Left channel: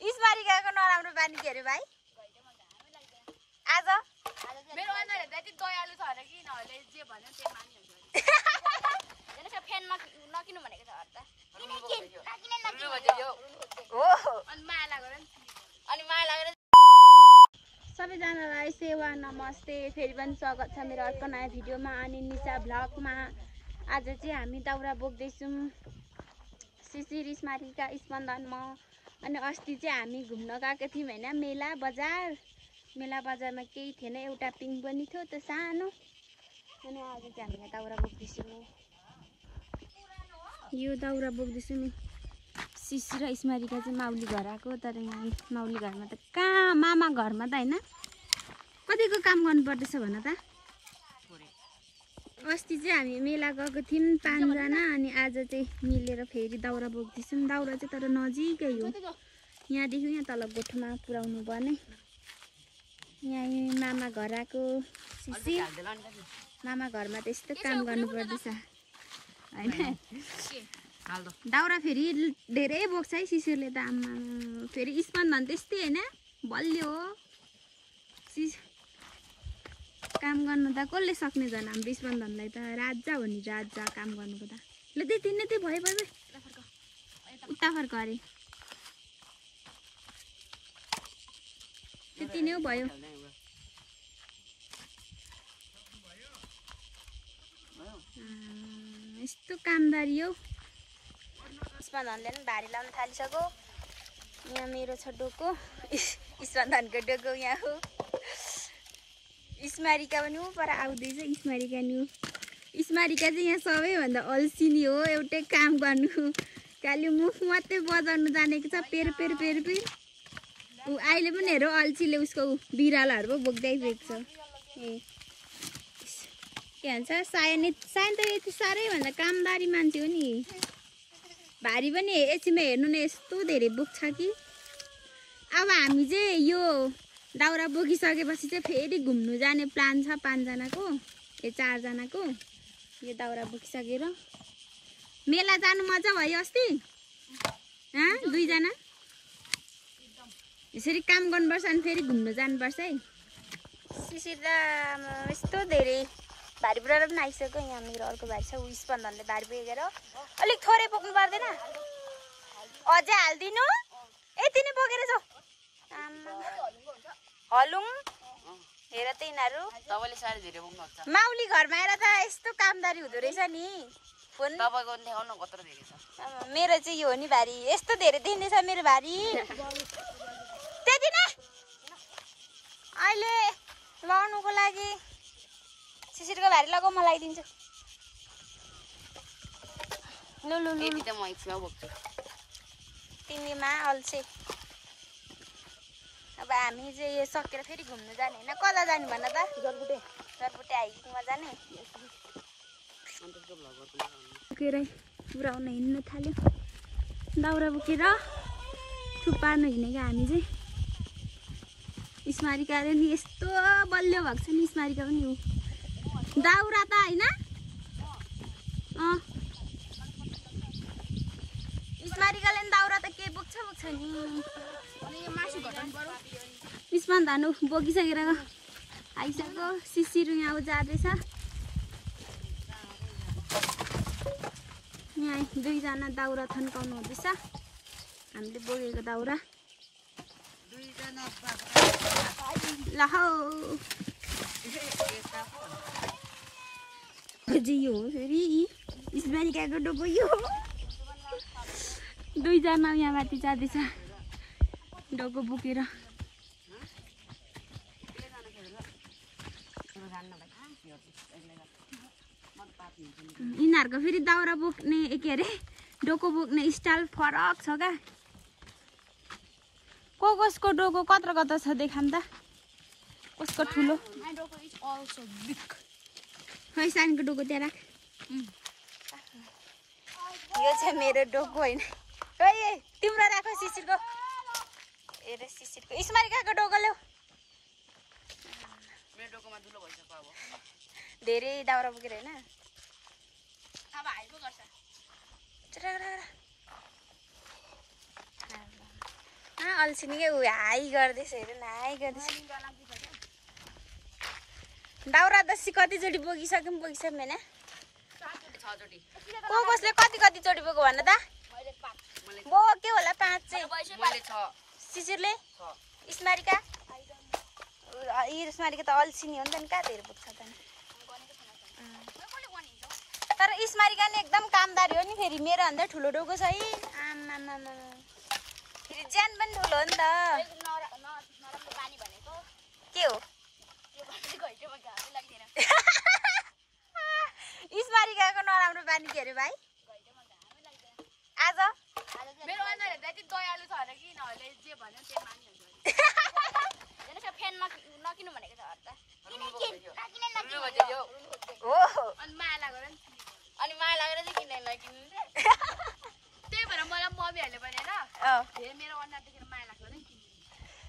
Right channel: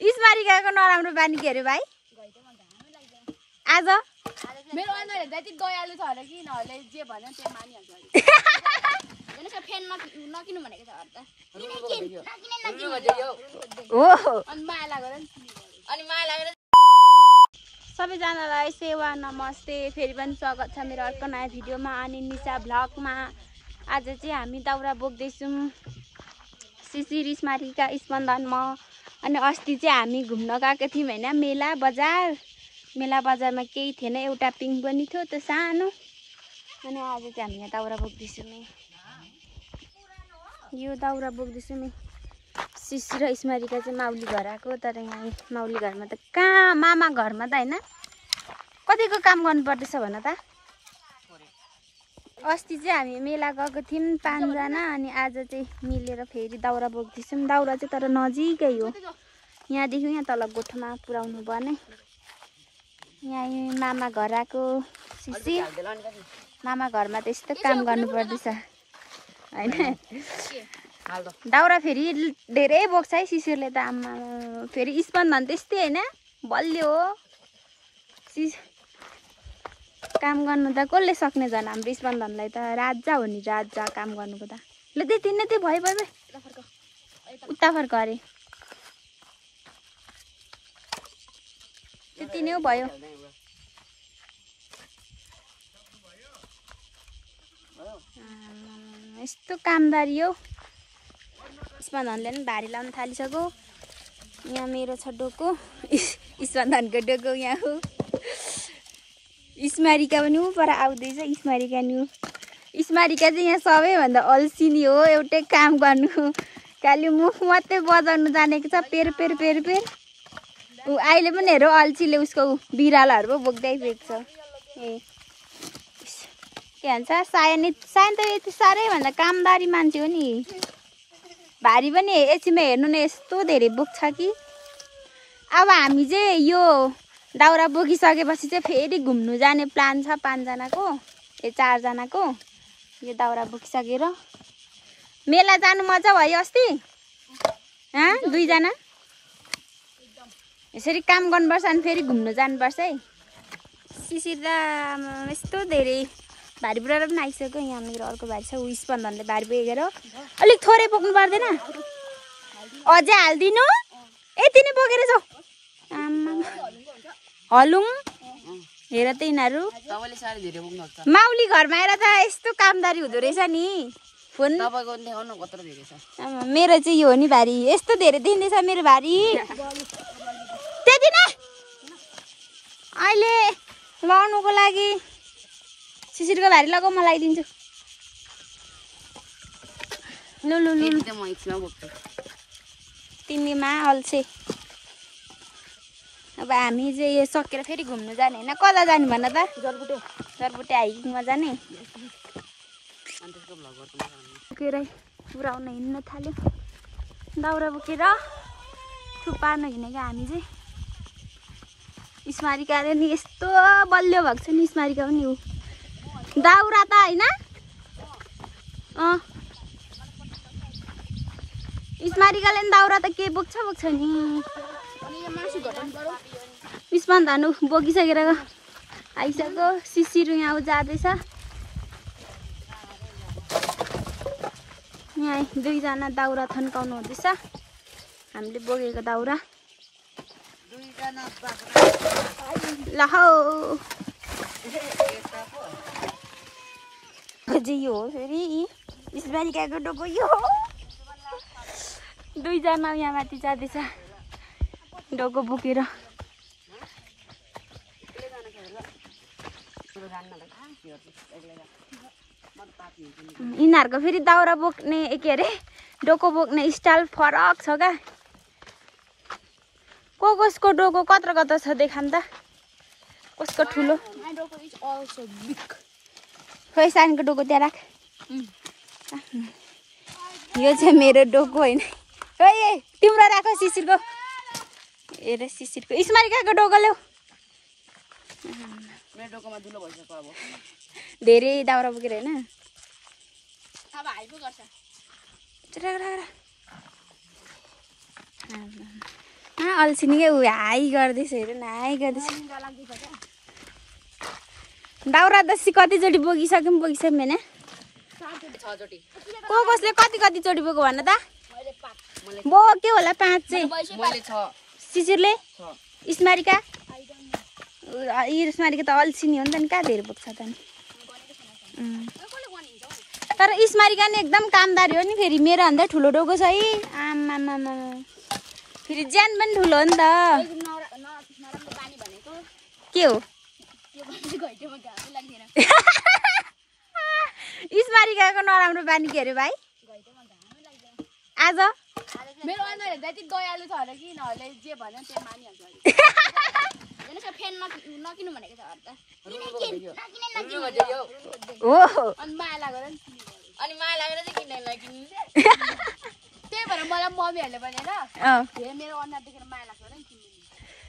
स्मारिकाको नराम्रो बानी के अरे भाइ आज मेरो अनुहार हेर्दा यति दयालु छ अरे कि नहले जे भन्छ त्यो मानिहाल्छ हैन सर फ्यान नकिन्नु भनेको छ अर्दा हो अनि माया लागेर अनि माया लागेर सबैजनालाई सेवा नमस्ते फेरि पनि स्वागत छ मेरो अर्को नयाँ भिडियोमा अनि निशा भ्लगमा आज चाहिँ हामी दाउरा बोक्दैछौँ शिशिर स्मारिका स्पन्दनमा अनि अस्ति चाहिँ हामी घुम्न गएको थियौँ हैन मेला बजारमा केही थिएन एउटा पिङ पनि थियो त्यो सानो अनि आज चाहिँ हामी यहाँ दाउरा बोक्दैछौँ यो दाउरा बोक्दैछौँ शिशिर र स्मारिका चाहिँ माउली घर आएको तर यहाँ माउली घरमा त कहाँ मामा घरमा त हैन कतिको काम गर्नु पर्दैछ भन त अस्ति चाहिँ हामी मेला गएको थियौँ 5 जना अनि आज चाहिँ मिलेर फेरि दाउरा बोक्दैछौँ दाउरा चाहिँ तर नजिकै हो यहाँदेखि यहाँ तल गोठमा पुर्याउनु पर्ने यहाँ मामा घर आएको शिशिर मामा घरमा त यस्तो काम गर्नु पर्दैछ हैन दाउरा फेरि धेरै बोक्छ है शिशिरले त आमा फेरि स्पन्दन त्यस्तै हैन बलियो हो काम गर्नु त कसले सक्ने झन् हाम्रो स्पन्दनलाई त राजा हो नि राजा काम गर्नुको त ल त्यति नै त्यो भयो उता फर्क अरे त्यति नै भयो यस्तो कामदारी हो स्पन्दनले पनि भारी लाउन थालिसक्यो यहाँ मेरो छ डोको स्पन्दनको डोको यहाँ हो स्मारिका पनि ऊ पर आउँदैछ स्मारिका चाहिँ यहाँ सबैभन्दा अल्छिनी हो एउटै काम गर्नु खालि मुख मात्रै बजाउनु जानेको छ पेर ऊ अहिले पनि हेर अल्छीले उसको बिरालाहरू पो बोक्दै बेग्छ ए के भन्छ सायन त यति साह्रै भन्दा कामदारी मान्छे हो नि भारी पनि एकछिनमा हेर्नु न यस्तो धेरै बोक्छ कि अब हामी चाहिँ यो दाउरा बोकिसकेपछि चाहिँ फेरि घुम्नु जाने प्लान छ 5 जनाको 4 जनाको यो दाउरा बोकिसकेर मेला जानु मजा भयो अस्ति 2 जना यसरी काम गर्नुपर्छ अनि फेरि घुम्नु जानुपर्छ है शिशिर त यस्तो धेरै भारी बुढा पनि आइसक्यो यहाँ मेरो अर्को भाइ छ ऊ स्पन्दनले भारी बोकेर अलिक थोरै बोक्नु पर्दैन अझै हालिदिनु यति नै बोकेर जाऊ आमा हलुङ हेर त यिनीहरू माउली घरमा आएर त यस्तो कामदारी हुँदो रहेछ नि फोन मेरो चाहिँ यो हो नि भारी यस्तो धेरै दिँदैछ मेरो भारी त्यति नै अहिले लगाउनुको लागि शिशिरको भारी लगाऊ म लगाइदिन्छु लु तिमीमा अल्छे अब हामी चाहिँ यो सकेर फेरि घुम्नु जाने हैन कता जाने भन त जरबुटे हाइकिङमा जाने बोकेर पुऱ्याउन हिँड्न थाल्यो दाउरा बोकेर थुपार्न हिँडेको हामी चाहिँ स्मारिकाले नि यस्तो बलियो भएको छ नि स्मारिका पनि हो दाउरा त हैन स्मारिकाले नि दाउरा त के बोक्छ नि स्पन्दन बोकिसकेर आइसक्यो शिशिर यहाँ जाँदैछ यहाँ 2 जना दाउरा थन्काउनु हुँदैछ हामीले बोकेको दाउरा ल हौ यो हो फेरि स्मारिकाको डोको यो 2 जना यहाँ माथि जाँदैछ डोको बोकेर यिनीहरूको फेरि दाउरा बोक्ने के अरे डोको बोक्ने स्टाइल फरक छ क्या कसको डोको कत्रो छ देखाम त कसको ठुलो खै सानोको डोको त्यहाँ राख यो चाहिँ मेरो डोको होइन खै तिम्रो राख शिशिरको हेर शिशिरको स्मारिकाको डोको ल्याऊ धेरै दाउरा बोकेर होइन अब हाइपो गर्छ अल्छिनीकै ऊ हाई गर्दैछ हेर न हाई गर्दैछ दाउरा दसी कतिचोटि बोकिसक्यौँ होइन कसले कति चोटि बोक्यो भन त बोक्यो होला 5 चाहिँ शिशिरले स्मारिका स्मारिका त अल्छिनी हो नि त नि कहाँ धेरै बोक्छ त नि तर स्मारिका नि एकदम कामदारी हो नि फेरि मेरो भन्दा ठुलो डोको छ है आमामामा फेरि ज्यान पनि ठुलो हो नि त के हो स्मारिकाको नराम्रो बानी के अरे भाइ आज मेरो अनुहार हेर्दा यति दयालु छ अरे कि नहले जे भन्छ त्यो मानिहाल्छ हेर्नुहोस् फ्यान नकिन्नु भनेको छ हो अनि माया लागेर नि अनि माया लागेर चाहिँ किन्ने नकिन्नु त्यही भएर मलाई मम्मीहरूले भनेर हेर मेरो अनुहार देखेर माया लाग्छ र किन्नु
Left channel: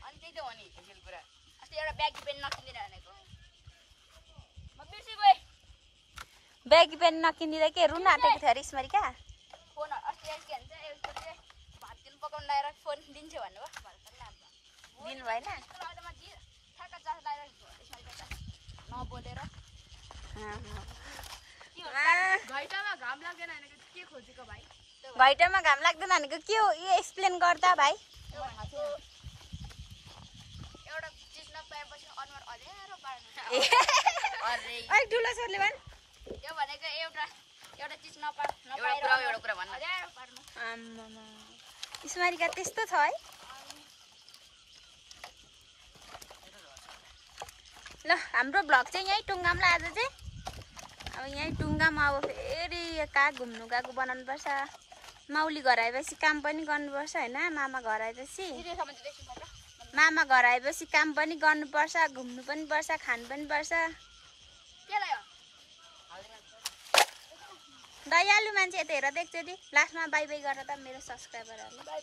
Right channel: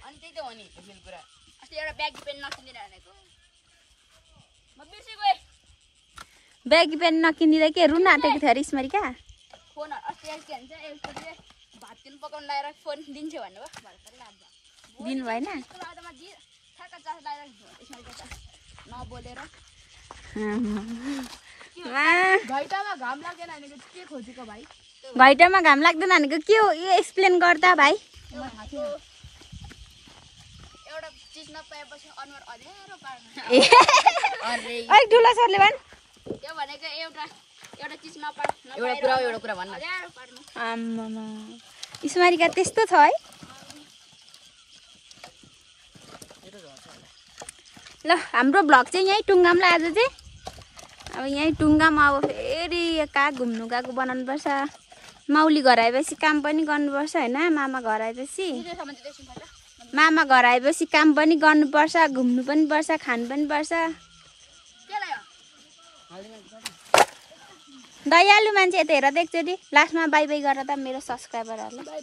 अनि त्यही त हो नि खेल कुरा अस्ति एउटा ब्यागी पेन नकिन्दिन भनेको म बिर्सी गएँ ब्यागी पेन नकिनिँदा के रुन आँटेको थियो अरे स्मारिका फोन अस्ति के भन्छ यसपछि भात किन पकाउनु लगाएर फोन दिन्छु भन्नुभयो दिनु भएन नबोलेर घैटामा घाम लाग्दैन भनेको के खोजेको भाइ घाम लाग्दैन भनेको के हो यो एक्सप्लेन गर्दा भाइ एउटा चिज नपाएपछि अनुहार अँध्यारो पार्नु अलिक ठुलो सरले भन् त्यो भनेको एउटा चिज नपाएर एउटा कुरा भन्न अँध्यारो पार्नु आम्मामा स्मारिका त्यस्तो छ है ल हाम्रो भ्लग चाहिँ यहीँ टुङ्गामला आज चाहिँ अब यहीँ टुङ्गामा अब फेरि कहाँ घुम्नु गएको बनाउनु पर्छ माउली घर आएपछि काम पनि गर्नुपर्छ होइन मामा घर आएपछि काम पनि गर्नुपर्छ घुम्नु पनि पर्छ खानु पनि पर्छ दयालु मान्छे यता हेर त एकचोटि लास्टमा बाई बाई गरेर त मेरो सब्सक्राइबरहरूलाई